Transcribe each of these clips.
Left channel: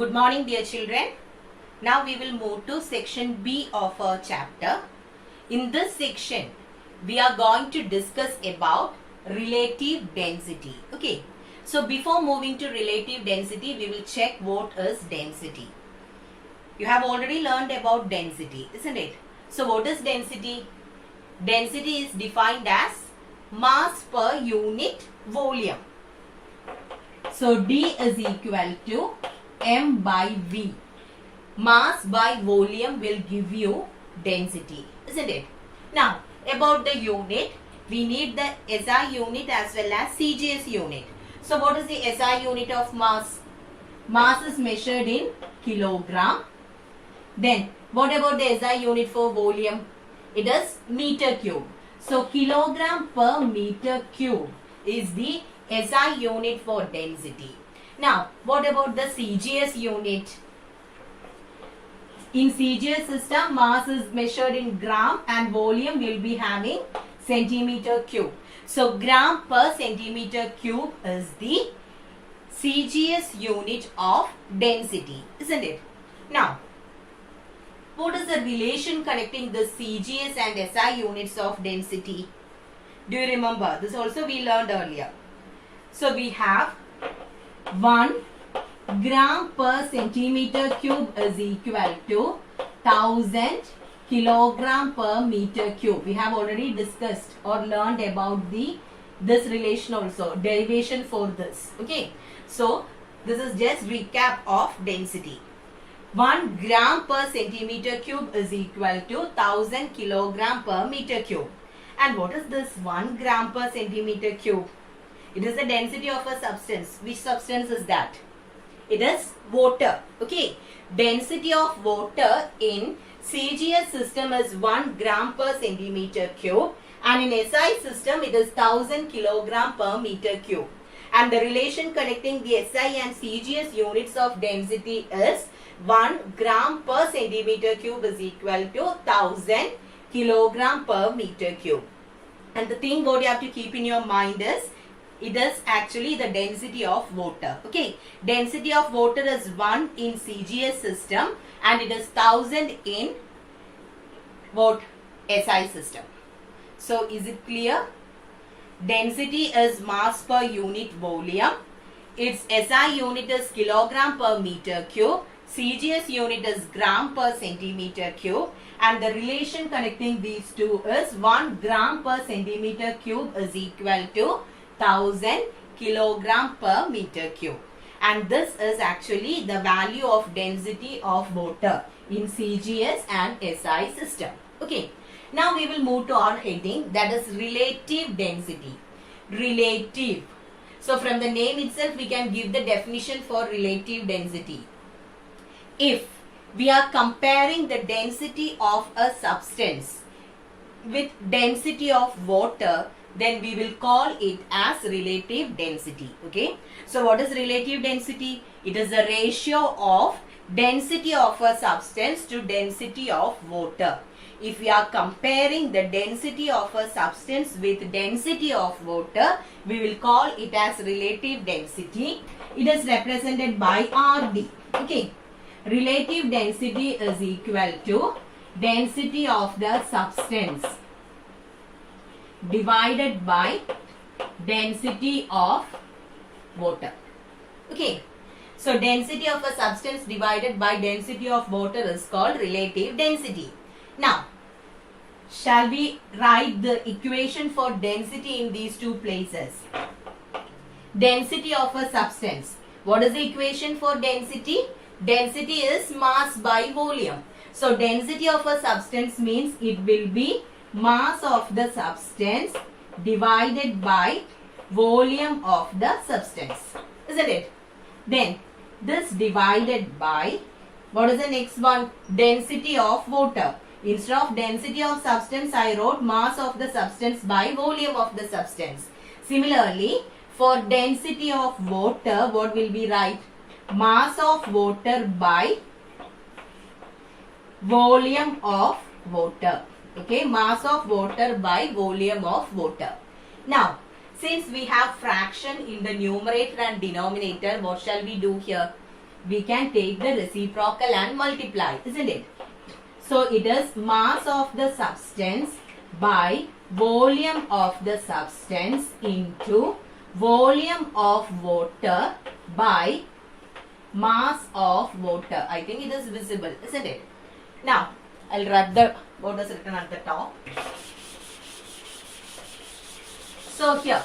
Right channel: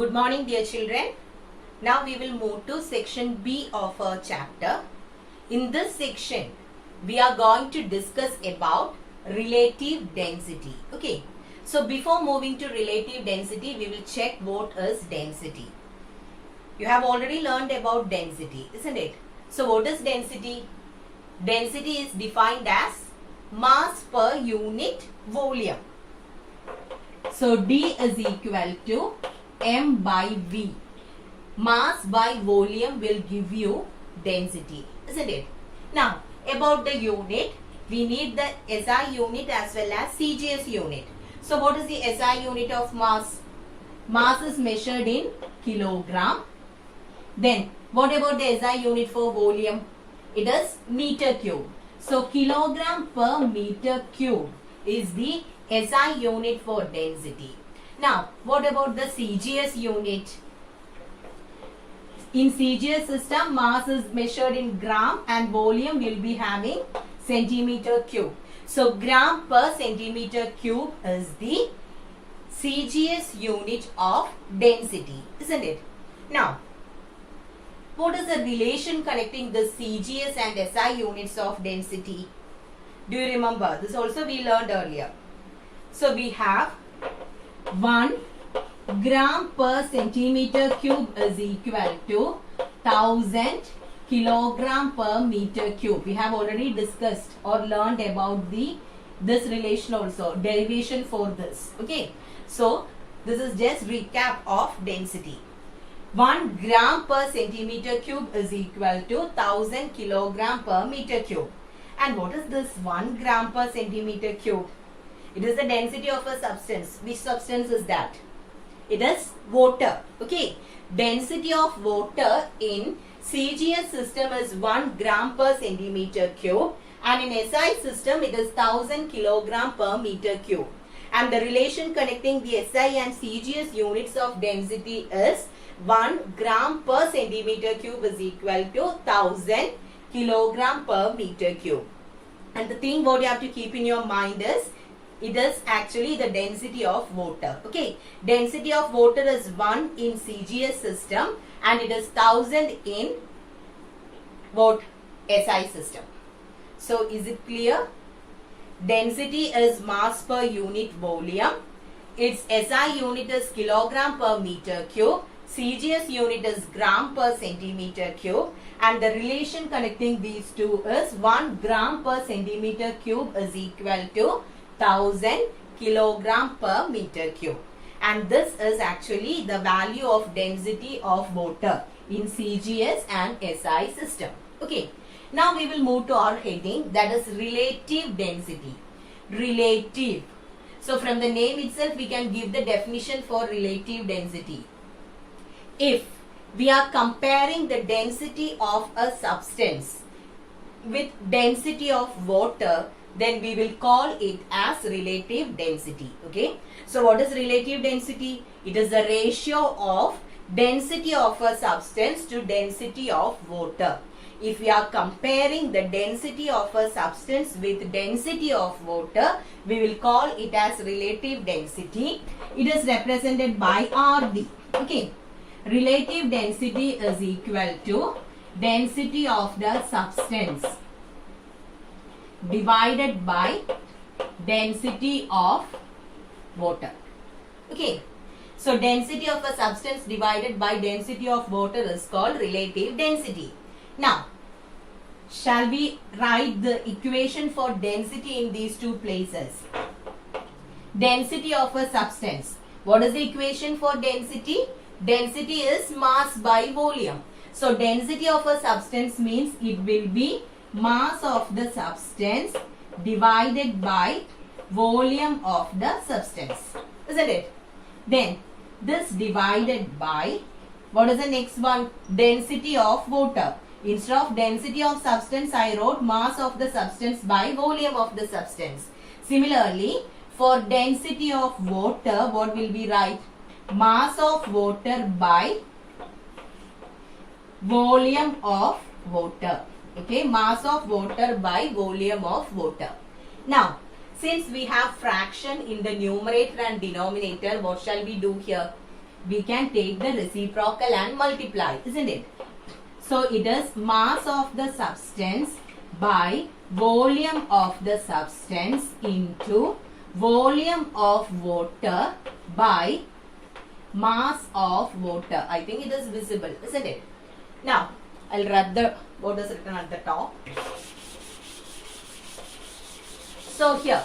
Good morning, dear children. Now we will move to section B of our chapter. In this section, we are going to discuss about relative density. Okay. So before moving to relative density, we will check what is density. You have already learned about density, isn't it? So what is density? Density is defined as mass per unit volume. So D is equal to M by V. Mass by volume will give you density, isn't it? Now, about the unit, we need the SI unit as well as CGS unit. So, what is the SI unit of mass? Mass is measured in kilogram. Then, what about the SI unit for volume? It is meter cube. So, kilogram per meter cube is the SI unit for density. Now, what about the CGS unit? In CGS system, mass is measured in gram and volume will be having centimeter cube. So, gram per centimeter cube is the CGS unit of density, isn't it? Now, what is the relation connecting the CGS and SI units of density? Do you remember? This also we learned earlier. So, we have 1 gram per centimeter cube is equal to 1000 kilogram per meter cube. We have already discussed or learned about this relation also, derivation for this. Okay. So, this is just recap of density. 1 gram per centimeter cube is equal to 1000 kilogram per meter cube. And what is this 1 gram per centimeter cube? It is the density of a substance. Which substance is that? It is water. Okay. Density of water in CGS system is 1 gram per centimeter cube. And in SI system, it is 1000 kilogram per meter cube. And the relation connecting the SI and CGS units of density is 1 gram per centimeter cube is equal to 1000 kilogram per meter cube. And the thing what you have to keep in your mind is, it is actually the density of water. Okay. Density of water is 1 in CGS system and it is 1000 in what? SI system. So, is it clear? Density is mass per unit volume. Its SI unit is kilogram per meter cube. CGS unit is gram per centimeter cube. And the relation connecting these two is 1 gram per centimeter cube is equal to 1000 kilogram per meter cube. And this is actually the value of density of water in CGS and SI system. Okay. Now we will move to our heading, that is relative density. Relative. So from the name itself we can give the definition for relative density. If we are comparing the density of a substance with density of water, then we will call it as relative density. Okay. So what is relative density? It is the ratio of density of a substance to density of water. If we are comparing the density of a substance with density of water, we will call it as relative density. It is represented by RD. Okay. Relative density is equal to density of the substance divided by density of water. Okay. So, density of a substance divided by density of water is called relative density. Now, shall we write the equation for density in these two places? Density of a substance. What is the equation for density? Density is mass by volume. So, density of a substance means it will be mass of the substance divided by volume of the substance, isn't it? Then this divided by, what is the next one? Density of water. Instead of density of substance, I wrote mass of the substance by volume of the substance. Similarly, for density of water, what will we write? Mass of water by volume of water. Okay, mass of water by volume of water. Now, since we have fraction in the numerator and denominator, what shall we do here? we can take the reciprocal and multiply, isn't it? So it is mass of the substance by volume of the substance into volume of water by mass of water. I think it is visible, isn't it? Now, I'll write what is written at the top. So here,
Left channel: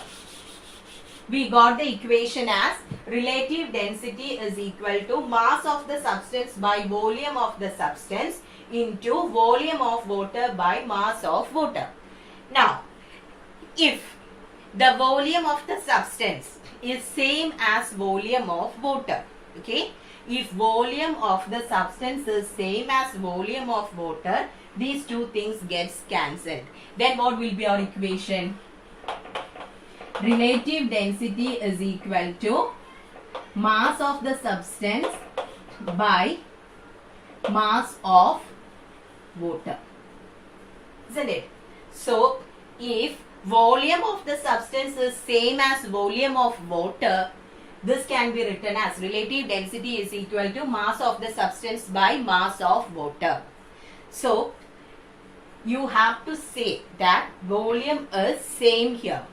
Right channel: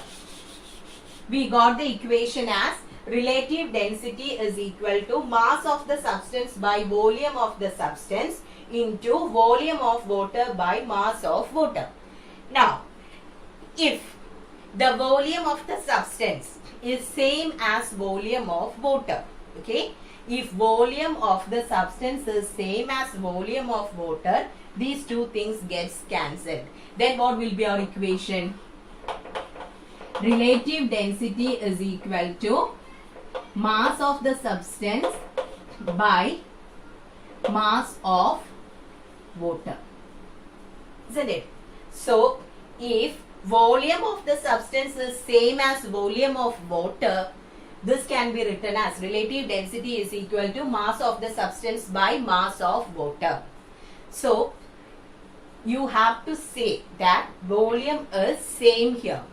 we got the equation as relative density is equal to mass of the substance by volume of the substance into volume of water by mass of water. Now, if the volume of the substance is same as volume of water, okay, if volume of the substance is same as volume of water, these two things gets cancelled. Then what will be our equation? Relative density is equal to mass of the substance by mass of water, isn't it? So, if volume of the substance is same as volume of water, this can be written as relative density is equal to mass of the substance by mass of water. So, you have to say that volume is same here.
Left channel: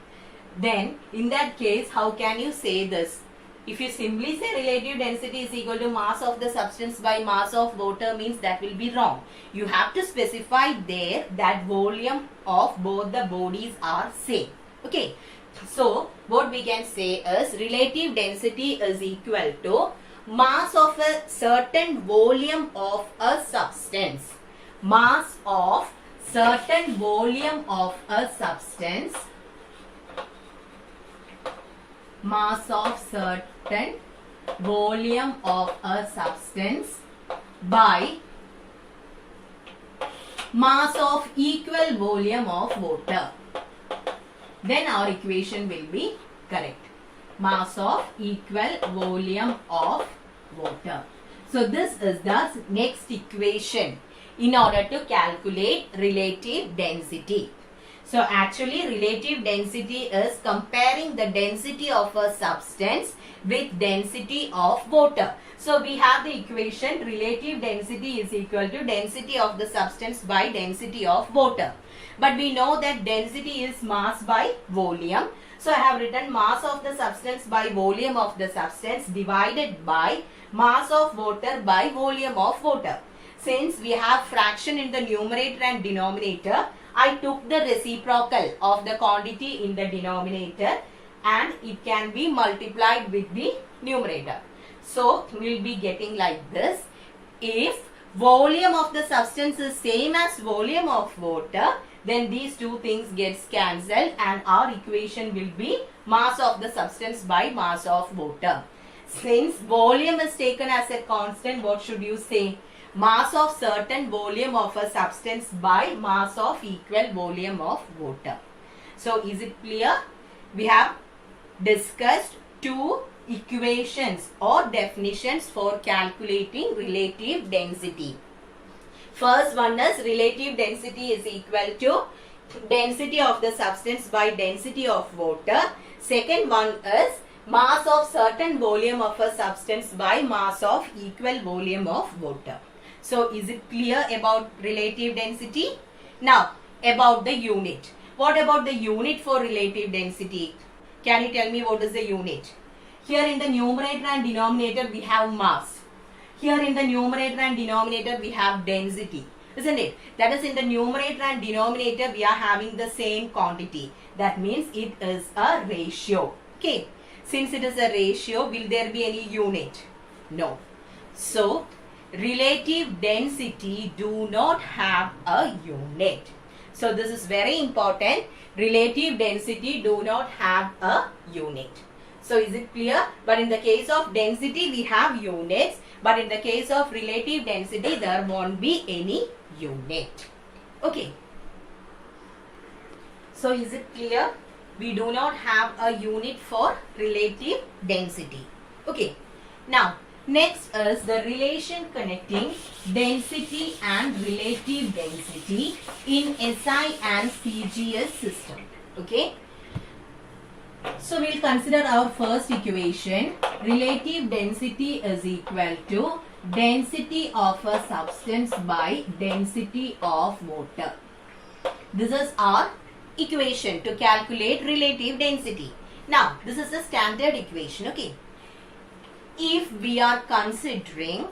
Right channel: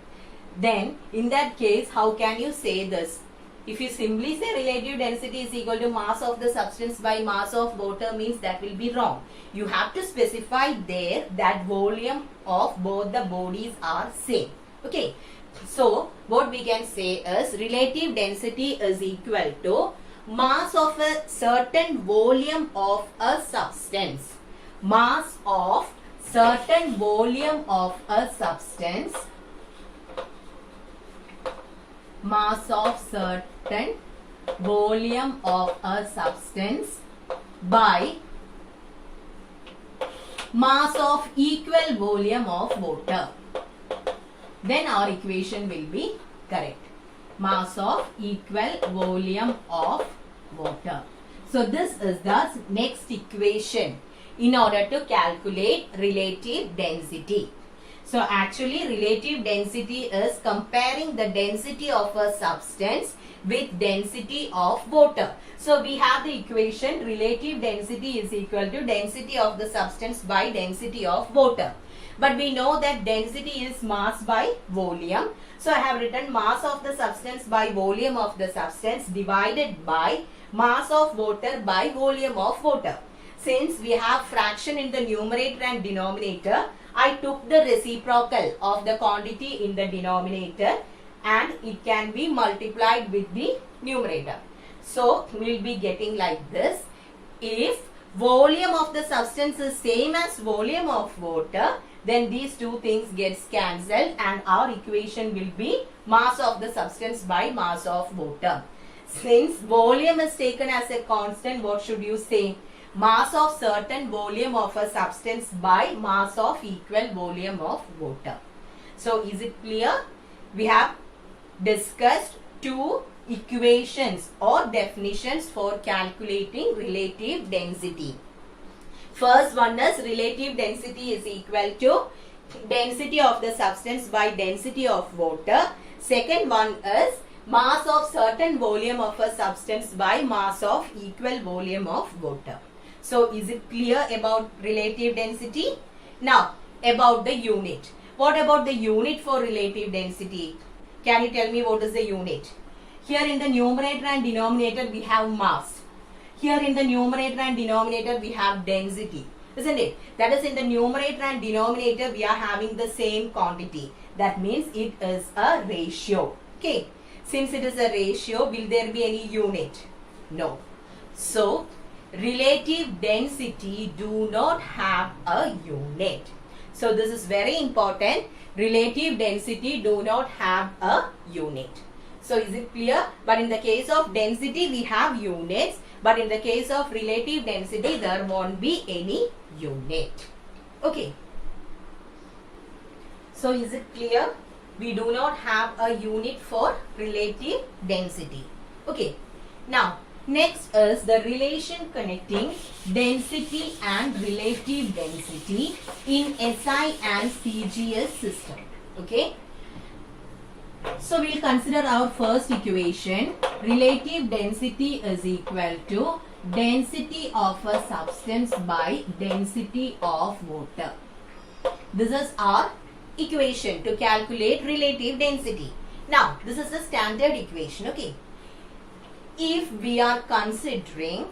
Then, in that case, how can you say this? If you simply say relative density is equal to mass of the substance by mass of water, means that will be wrong. You have to specify there that volume of both the bodies are same. Okay. So, what we can say is relative density is equal to mass of a certain volume of a substance. Mass of certain volume of a substance. Mass of certain volume of a substance by mass of equal volume of water. Then our equation will be correct. Mass of equal volume of water. So this is the next equation in order to calculate relative density. So actually relative density is comparing the density of a substance with density of water. So we have the equation relative density is equal to density of the substance by density of water. But we know that density is mass by volume. So I have written mass of the substance by volume of the substance divided by mass of water by volume of water. Since we have fraction in the numerator and denominator, I took the reciprocal of the quantity in the denominator and it can be multiplied with the numerator. So, we will be getting like this. If volume of the substance is same as volume of water, then these two things gets cancelled and our equation will be mass of the substance by mass of water. Since volume is taken as a constant, what should you say? Mass of certain volume of a substance by mass of equal volume of water. So, is it clear? We have discussed two equations or definitions for calculating relative density. First one is relative density is equal to density of the substance by density of water. Second one is mass of certain volume of a substance by mass of equal volume of water. So, is it clear about relative density? Now, about the unit. What about the unit for relative density? Can you tell me what is the unit? Here in the numerator and denominator we have mass. Here in the numerator and denominator we have density. Isn't it? That is in the numerator and denominator we are having the same quantity. That means it is a ratio. Okay. Since it is a ratio, will there be any unit? No. So, relative density do not have a unit. So, this is very important. Relative density do not have a unit. So, is it clear? But in the case of density, we have units. But in the case of relative density, there won't be any unit. Okay. So, is it clear? We do not have a unit for relative density. Okay. Now, next is the relation connecting density and relative density in SI and CGS system. Okay. So, we will consider our first equation. relative density is equal to density of a substance by density of water. This is our equation to calculate relative density. Now, this is a standard equation, okay? If we are considering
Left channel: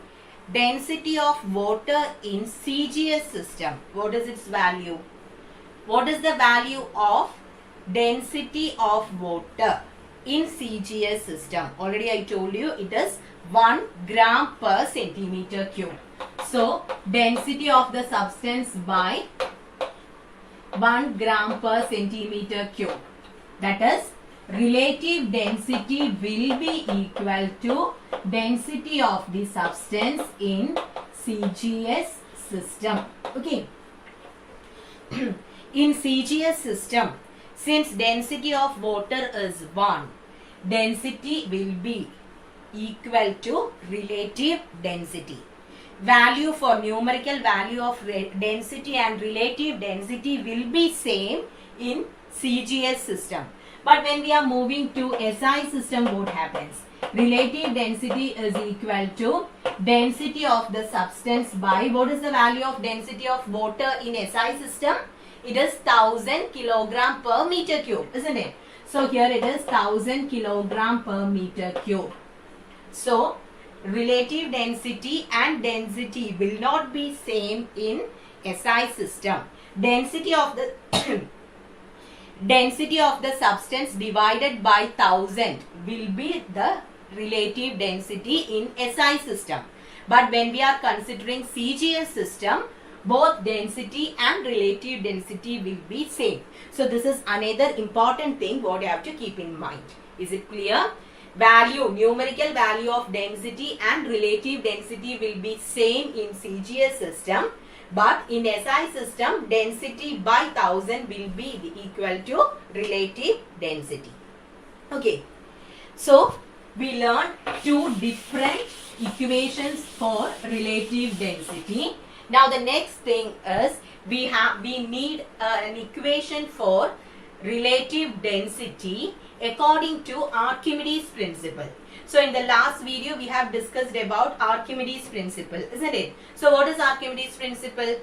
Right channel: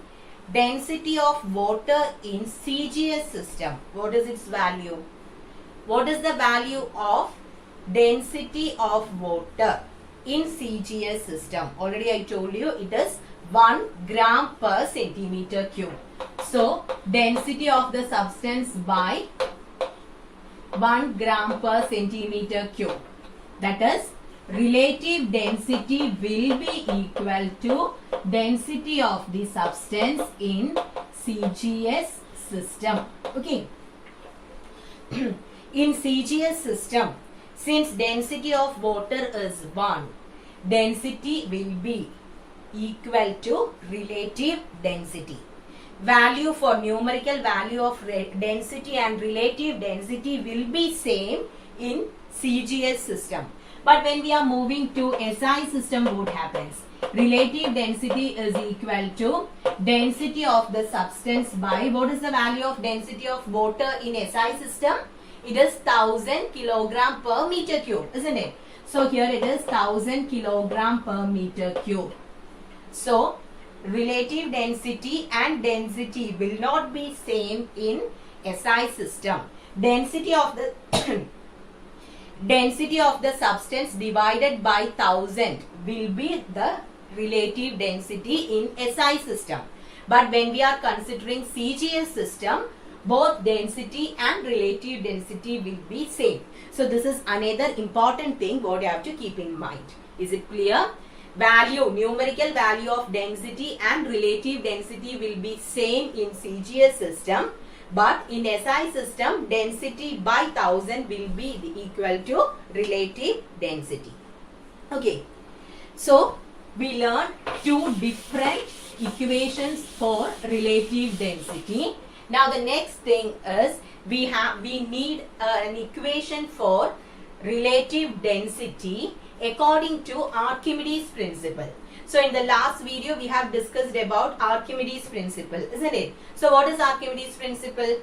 density of water in CGS system, what is its value? What is the value of density of water in CGS system? Already I told you it is 1 gram per centimeter cube. So, density of the substance by 1 gram per centimeter cube. That is, relative density will be equal to density of the substance in CGS system. Okay. In CGS system, since density of water is 1, density will be equal to relative density. Value for numerical value of density and relative density will be same in CGS system. But when we are moving to SI system, what happens? Relative density is equal to density of the substance by, what is the value of density of water in SI system? It is 1000 kilogram per meter cube, isn't it? So here it is 1000 kilogram per meter cube. So relative density and density will not be same in SI system. Density of the density of the substance divided by 1000 will be the relative density in SI system. But when we are considering CGS system, both density and relative density will be same. So this is another important thing what you have to keep in mind. Is it clear? Value, numerical value of density and relative density will be same in CGS system. But in SI system, density by 1000 will be equal to relative density. Okay. So, we learned two different equations for relative density. Now, the next thing is we need an equation for relative density according to Archimedes principle. So in the last video we have discussed about Archimedes principle, isn't it? So what is Archimedes principle?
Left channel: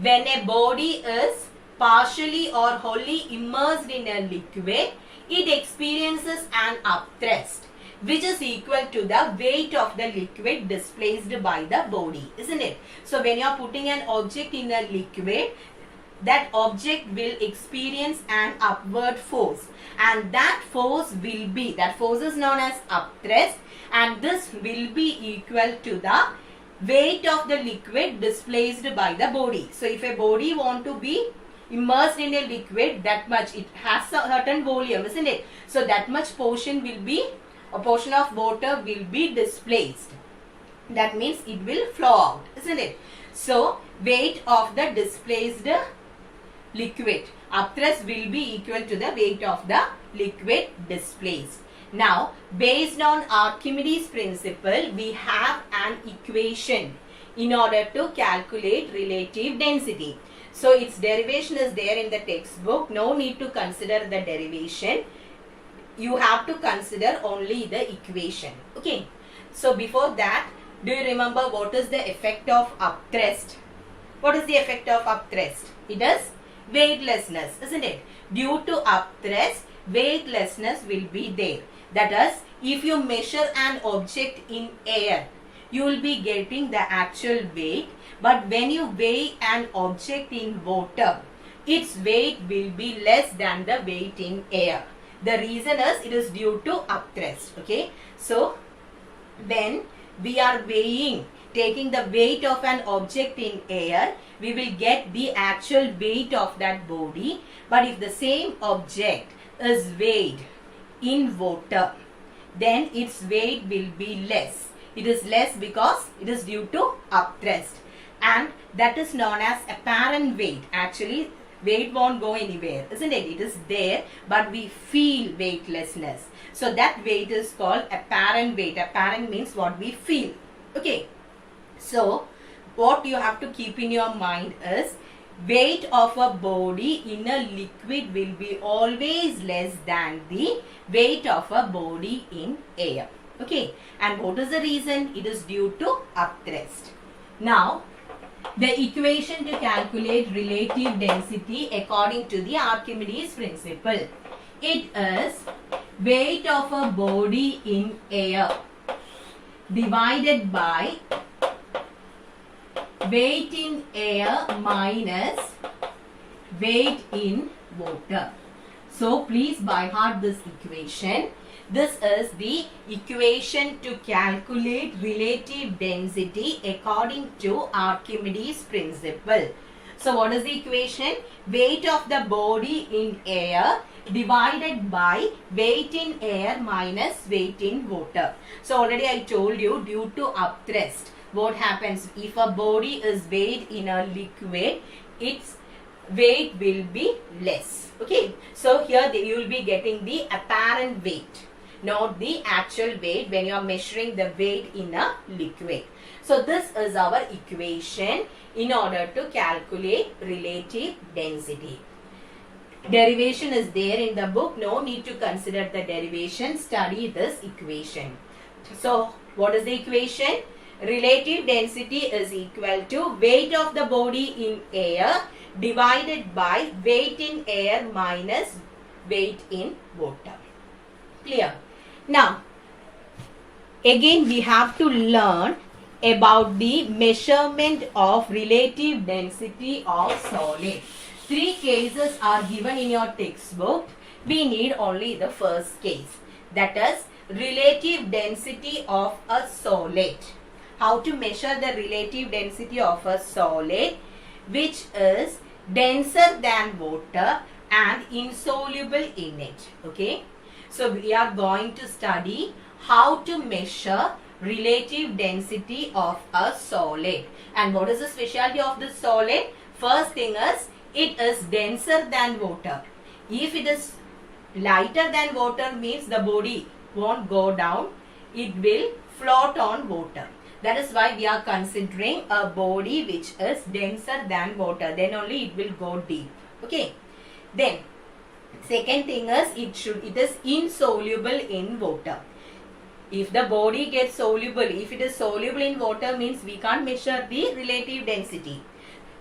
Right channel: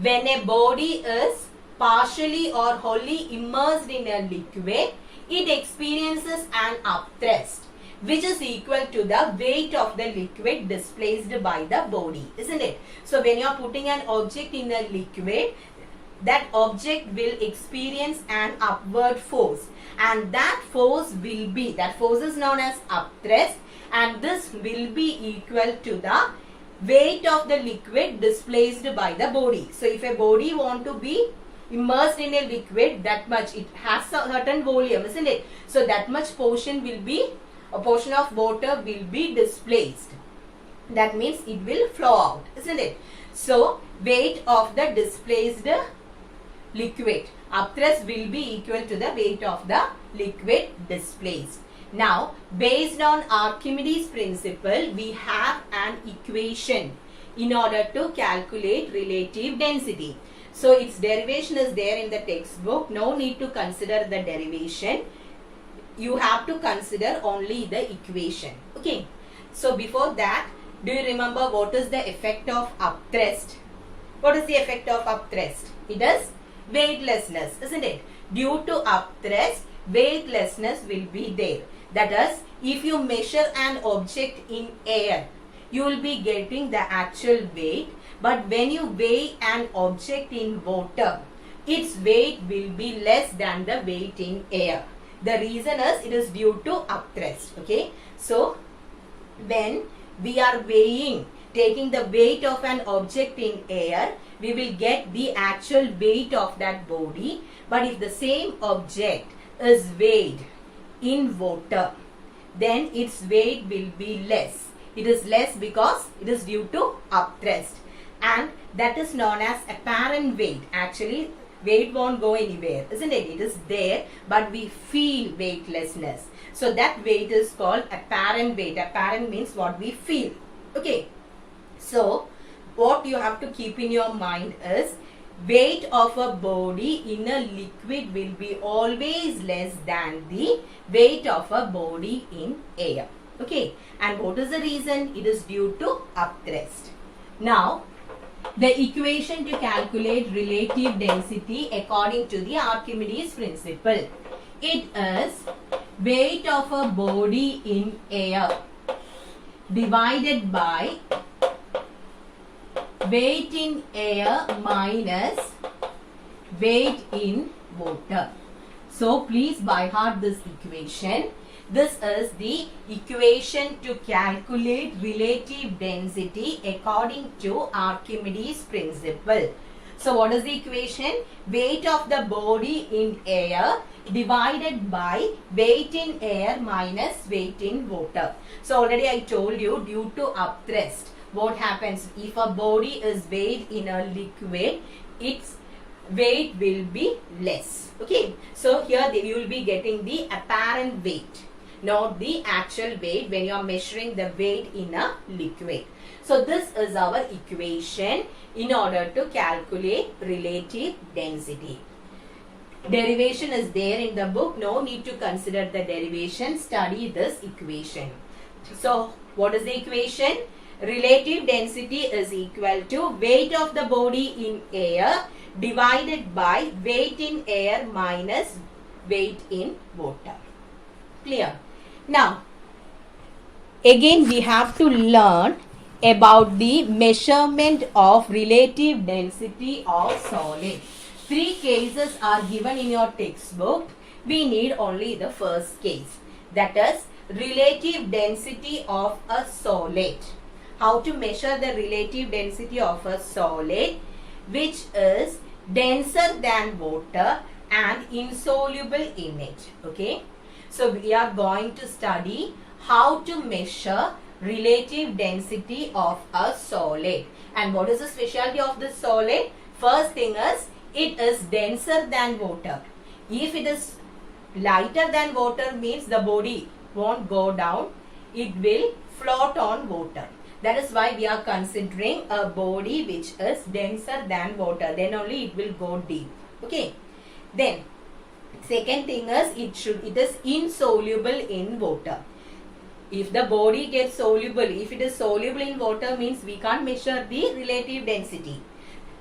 When a body is partially or wholly immersed in a liquid, it experiences an upthrust which is equal to the weight of the liquid displaced by the body, isn't it? So when you are putting an object in a liquid, that object will experience an upward force, and that force is known as upthrust, and this will be equal to the weight of the liquid displaced by the body. So if a body want to be immersed in a liquid, that much, it has a certain volume, isn't it? So that much portion will be, a portion of water will be displaced. That means it will flow out, isn't it? So weight of the displaced liquid, upthrust will be equal to the weight of the liquid displaced. Now, based on Archimedes principle, we have an equation in order to calculate relative density. So, its derivation is there in the textbook. No need to consider the derivation. You have to consider only the equation. Okay. So, before that, do you remember what is the effect of upthrust? What is the effect of upthrust? It is weightlessness, isn't it? Due to upthrust, weightlessness will be there. That is, if you measure an object in air, you will be getting the actual weight. But when you weigh an object in water, its weight will be less than the weight in air. The reason is it is due to upthrust. Okay. So, when we are weighing, taking the weight of an object in air, we will get the actual weight of that body. But if the same object is weighed in water, then its weight will be less. It is less because it is due to upthrust, and that is known as apparent weight. Actually, weight won't go anywhere, isn't it? It is there, but we feel weightlessness. So that weight is called apparent weight. Apparent means what we feel. Okay. So what you have to keep in your mind is weight of a body in a liquid will be always less than the weight of a body in air. Okay, and what is the reason? It is due to upthrust. Now, the equation to calculate relative density according to the Archimedes principle. It is weight of a body in air divided by weight in air minus weight in water. So please by heart this equation. This is the equation to calculate relative density according to Archimedes principle. So what is the equation? Weight of the body in air divided by weight in air minus weight in water. So already I told you, due to upthrust, what happens if a body is weighed in a liquid, its weight will be less. Okay, so here you will be getting the apparent weight, not the actual weight when you are measuring the weight in a liquid. So this is our equation in order to calculate relative density. Derivation is there in the book. No need to consider the derivation. Study this equation. So what is the equation? Relative density is equal to weight of the body in air divided by weight in air minus weight in water. Clear? Now, again we have to learn about the measurement of relative density of solid. 3 cases are given in your textbook. We need only the first case. That is relative density of a solid. How to measure the relative density of a solid which is denser than water and insoluble in it. Okay. So we are going to study how to measure relative density of a solid. And what is the specialty of this solid? First thing is, it is denser than water. If it is lighter than water, means the body won't go down. It will float on water. That is why we are considering a body which is denser than water. Then only it will go deep. Okay. Then second thing is, it is insoluble in water. If the body gets soluble, if it is soluble in water, means we can't measure the relative density.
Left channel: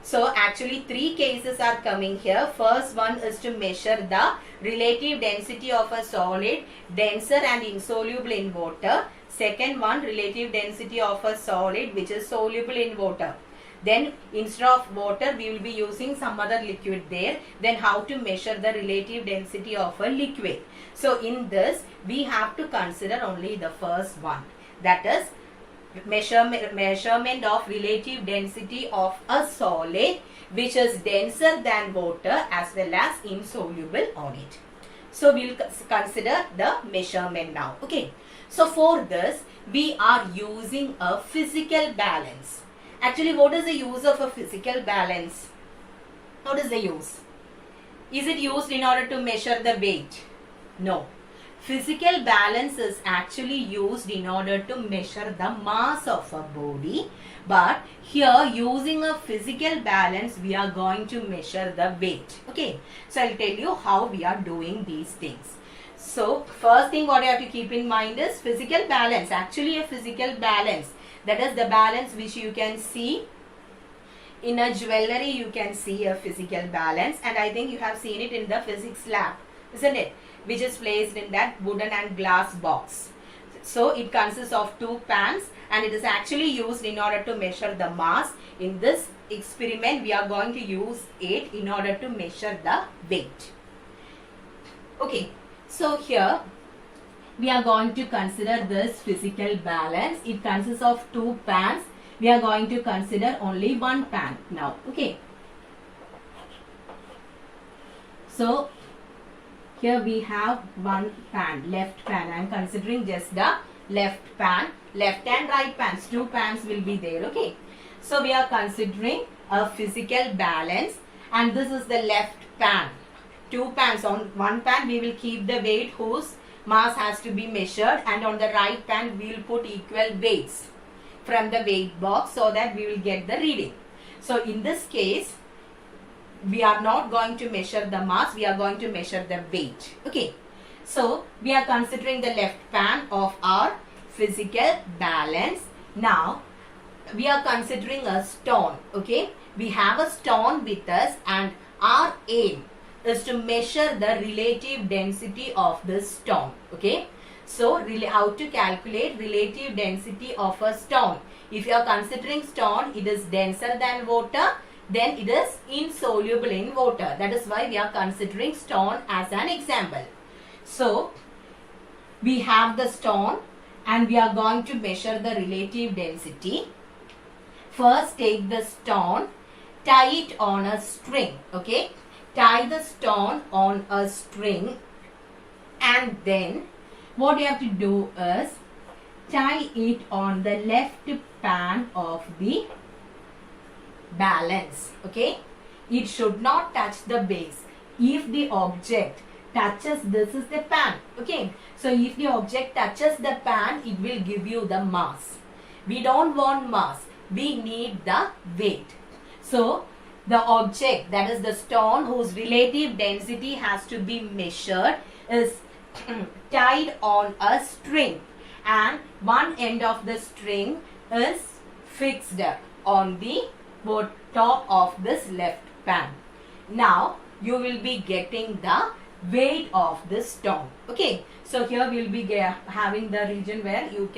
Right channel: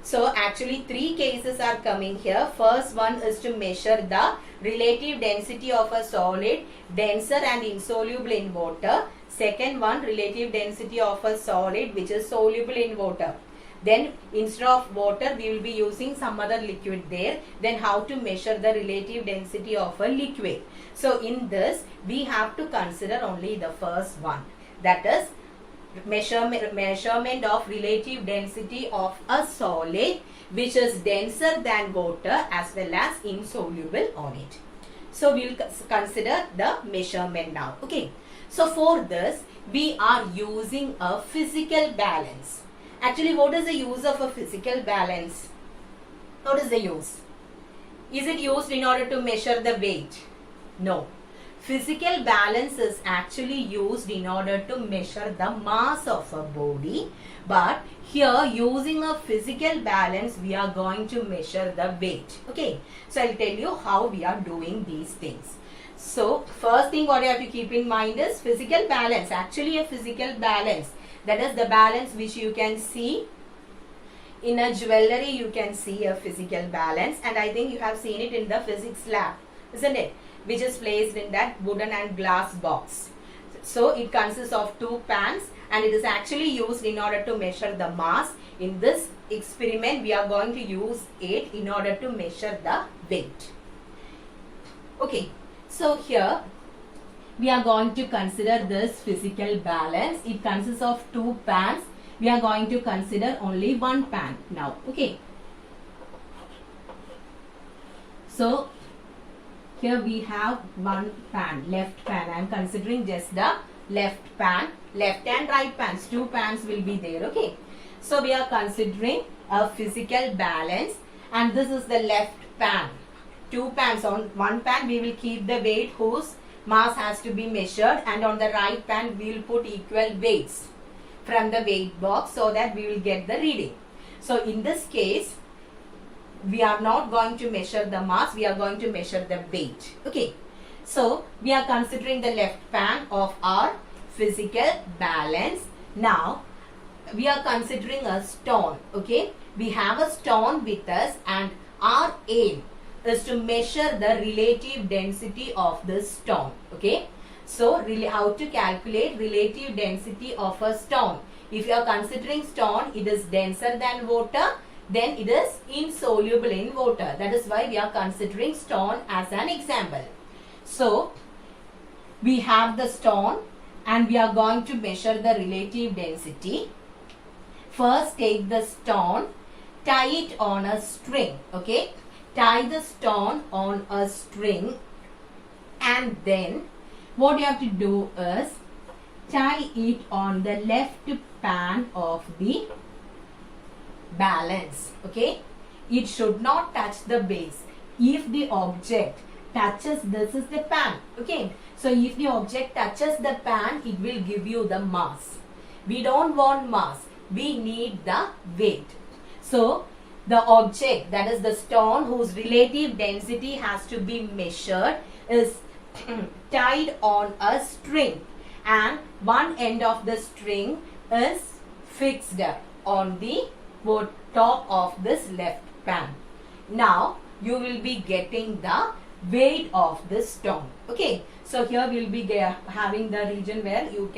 So actually 3 cases are coming here. First one is to measure the relative density of a solid denser and insoluble in water. Second one, relative density of a solid which is soluble in water. Then instead of water we will be using some other liquid there. Then how to measure the relative density of a liquid. So in this we have to consider only the first one. That is measurement of relative density of a solid which is denser than water as well as insoluble on it. So we will consider the measurement now. Okay. So for this we are using a physical balance. Actually, what is the use of a physical balance? What is the use? Is it used in order to measure the weight? No. Physical balance is actually used in order to measure the mass of a body. But here, using a physical balance, we are going to measure the weight. Okay. So, I'll tell you how we are doing these things. So, first thing what you have to keep in mind is physical balance. Actually, a physical balance. That is the balance which you can see in a jewelry. You can see a physical balance, and I think you have seen it in the physics lab, isn't it? Which is placed in that wooden and glass box. So it consists of 2 pans and it is actually used in order to measure the mass. In this experiment we are going to use it in order to measure the weight. Okay, so here we are going to consider this physical balance. It consists of 2 pans. We are going to consider only 1 pan now. Okay. So here we have 1 pan, left pan. I am considering just the left pan. Left and right pans. 2 pans will be there. Okay. So we are considering a physical balance, and this is the left pan. 2 pans. On 1 pan we will keep the weight whose mass has to be measured, and on the right pan we will put equal weights from the weight box so that we will get the reading. So in this case we are not going to measure the mass, we are going to measure the weight. Okay. So we are considering the left pan of our physical balance. Now we are considering a stone. Okay. We have a stone with us and our aim is to measure the relative density of this stone. Okay. So how to calculate relative density of a stone? If you are considering stone, it is denser than water, then it is insoluble in water. That is why we are considering stone as an example. So we have the stone and we are going to measure the relative density. First take the stone, tie it on a string. Okay. Tie the stone on a string and then what you have to do is tie it on the left pan of the balance. Okay. It should not touch the base. If the object touches, this is the pan. Okay. So if the object touches the pan, it will give you the mass. We don't want mass. We need the weight. So the object, that is the stone whose relative density has to be measured, is tied on a string and one end of the string is fixed on the top of this left pan. Now you will be getting the weight of this stone. Okay. So here we will be having the region where you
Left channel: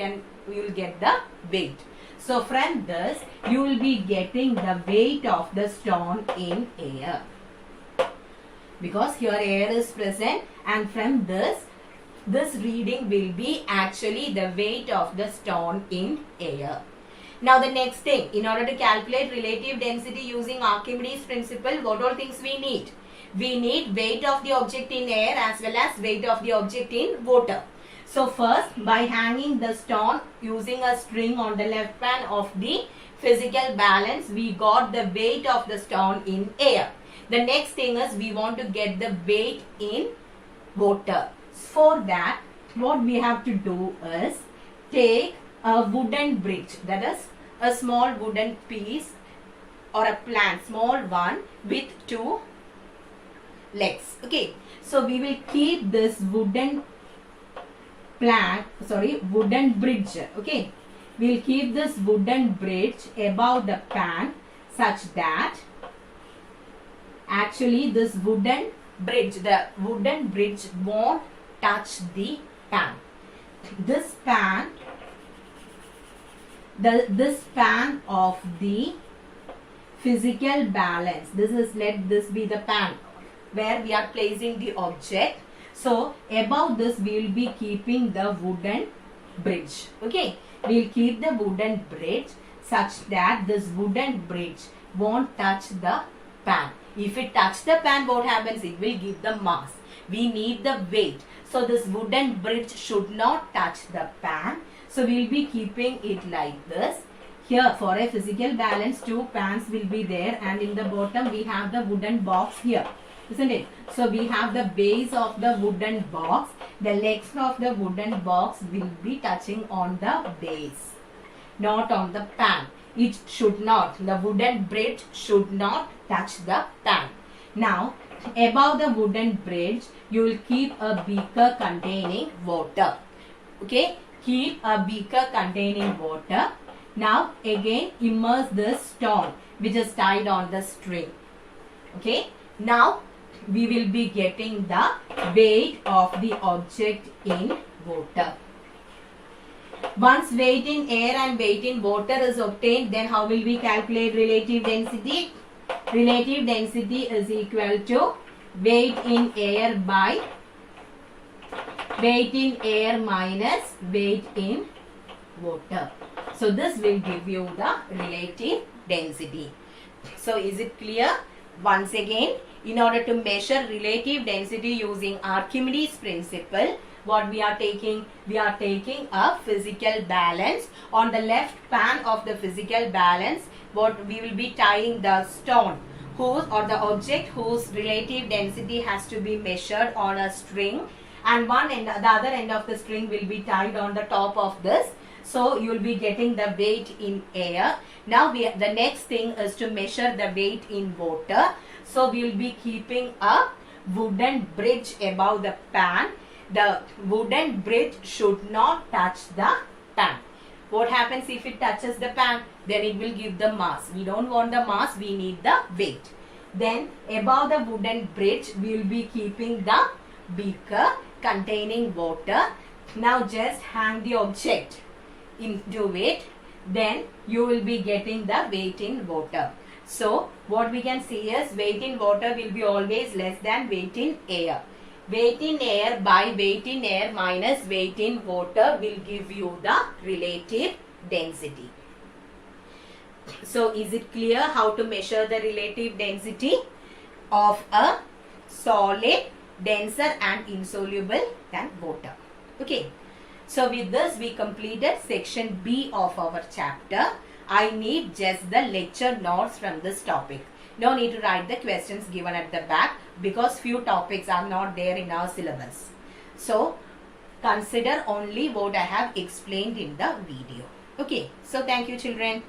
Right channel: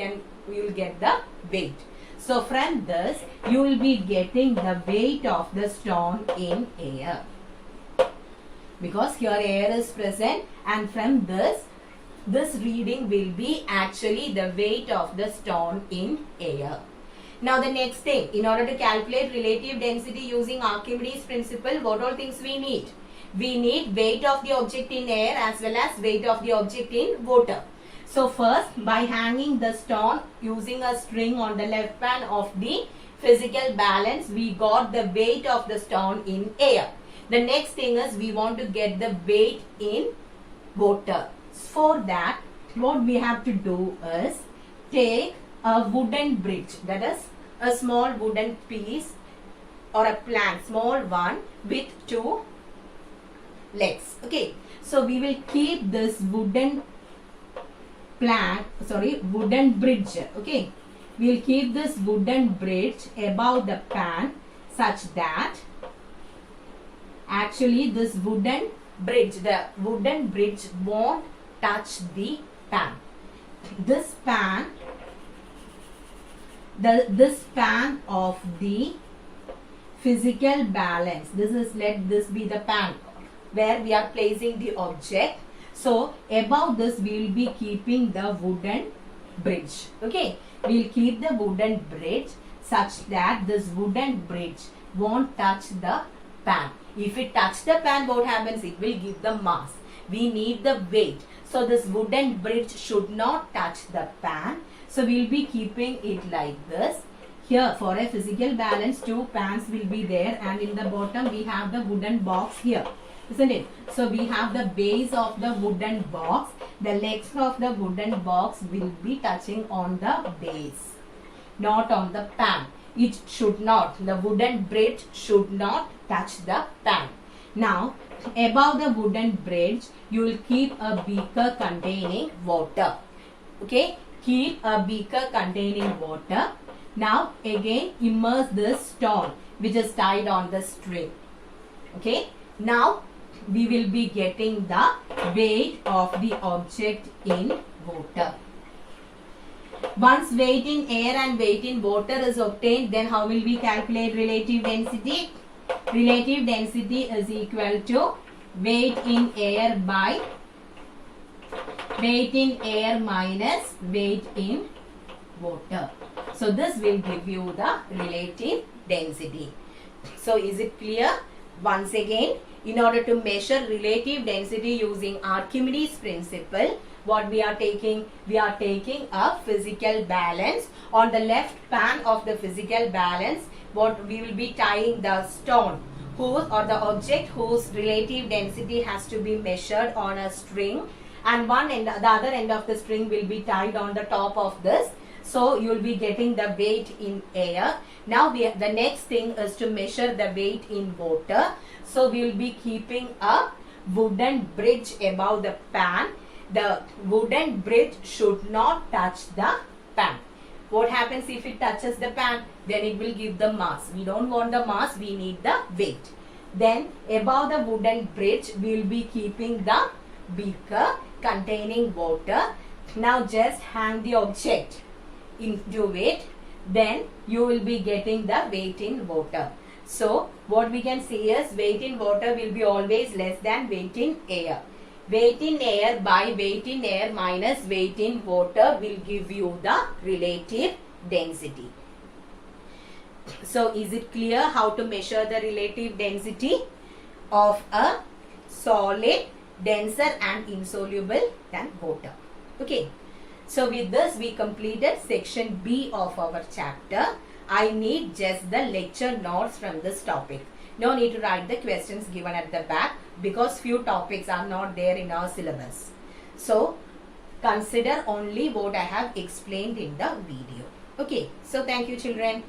will get the weight. So from this you will be getting the weight of the stone in air, because here air is present, and from this reading will be actually the weight of the stone in air. Now the next thing, in order to calculate relative density using Archimedes principle, what all things we need? We need weight of the object in air as well as weight of the object in water. So first, by hanging the stone using a string on the left pan of the physical balance, we got the weight of the stone in air. The next thing is we want to get the weight in water. For that, what we have to do is take a wooden bridge, that is a small wooden piece or a plank, small one with two legs. Okay, so we will keep this wooden bridge. Okay, we will keep this wooden bridge above the pan such that actually this wooden bridge won't touch the pan. This pan of the physical balance, let this be the pan where we are placing the object. So above this we will be keeping the wooden bridge. Okay, we will keep the wooden bridge such that this wooden bridge won't touch the pan. If it touches the pan, what happens? It will give the mass. We need the weight. So this wooden bridge should not touch the pan. So we will be keeping it like this. Here for a physical balance, two pans will be there, and in the bottom we have the wooden box here, isn't it? So we have the base of the wooden box. The legs of the wooden box will be touching on the base, not on the pan. It should not, the wooden bridge should not touch the pan. Now above the wooden bridge you will keep a beaker containing water. Okay, keep a beaker containing water. Now again immerse this stone which is tied on the string. Okay, now we will be getting the weight of the object in water. Once weight in air and weight in water is obtained, then how will we calculate relative density? Relative density is equal to weight in air by weight in air minus weight in water. So this will give you the relative density. So is it clear? Once again, in order to measure relative density using Archimedes principle, what we are taking? We are taking a physical balance. On the left pan of the physical balance, what we will be tying the stone whose or the object whose relative density has to be measured on a string, and one end, the other end of the string will be tied on the top of this So you will be getting the weight in air. Now the next thing is to measure the weight in water. So we will be keeping a wooden bridge above the pan. The wooden bridge should not touch the pan. What happens if it touches the pan? Then it will give the mass. We don't want the mass, we need the weight. Then above the wooden bridge, we will be keeping the beaker containing water. Now just hang the object into it. Then you will be getting the weight in water. So what we can see is weight in water will be always less than weight in air. Weight in air by weight in air minus weight in water will give you the relative density. So is it clear how to measure the relative density of a solid, denser and insoluble than water? Okay. So with this we completed section B of our chapter. I need just the lecture notes from this topic. No need to write the questions given at the back because few topics are not there in our syllabus. So consider only what I have explained in the video. Okay. So thank you children.